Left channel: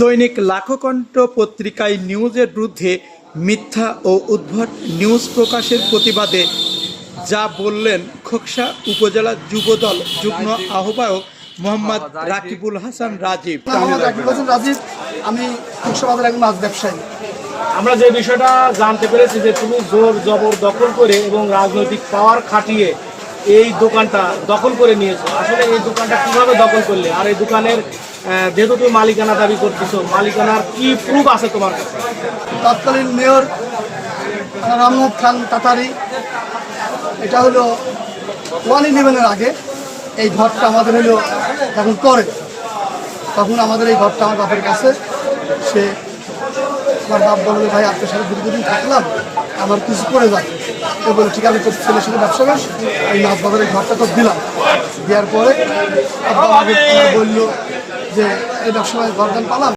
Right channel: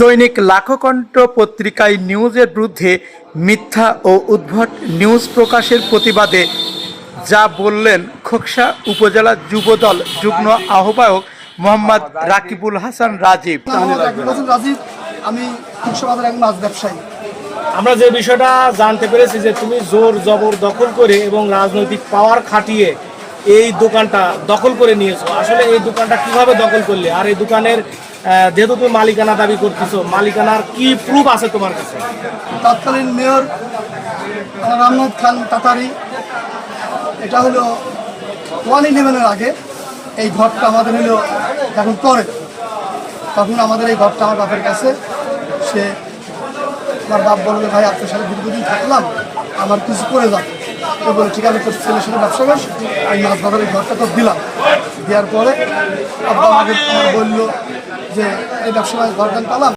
দৈনিক লাখকণ্ঠ পত্রিকায় নিউজের বিরুদ্ধে মিথ্যা ও উদ্ভট নিউজ প্রকাশের প্রতিবাদে যা বললেন খোকসা উপজেলা যুবদল যুগ্ম আহ্বায়ক মোহাম্মদ রাকিবুল হাসান রাজীব। মোহাম্মদ রাকিবুল হাসান রাজীব। আমি একজন মাছ ব্যবসায়ী। আমরা যে বিষয়টা জানতে পেরেছি যে তুমি জোর জবর দখল করে এবং রাজনৈতিক পাওয়ার খাটিয়ে এই দোকানটা দখল করে নিয়েছো। আসলে এই দোকানটা কীভাবে দখল করলে? আর এই দোকানের যেহেতু তুমি মালিকানা দাবি করতেছো, মালিকানার কি প্রুফ আছে তোমার কাছে? তৎকালীন মেয়র রামনাথ খান তাতারি, এটা হলো ওয়ান ইলেভেনের আগে এই ঘরটা আমাদের হলো যখন করে তখন আমাদের এই ঘরটা আমার বাপের কাছে। সে আমার বাপ বলল, ভাই, আপনার সাথে দীর্ঘদিন থাকলাম, আমার কিছু করে যাবে তো বলে, ঠিক আছে, তোর ছেলের সাথে ব্যবসা করিস আমি মাছ বাজারে ঘরটা তো দিলাম। দেওয়ার পরে আব্বা আমার বলল যে, এই ব্যবসা ঘর দান পালাম।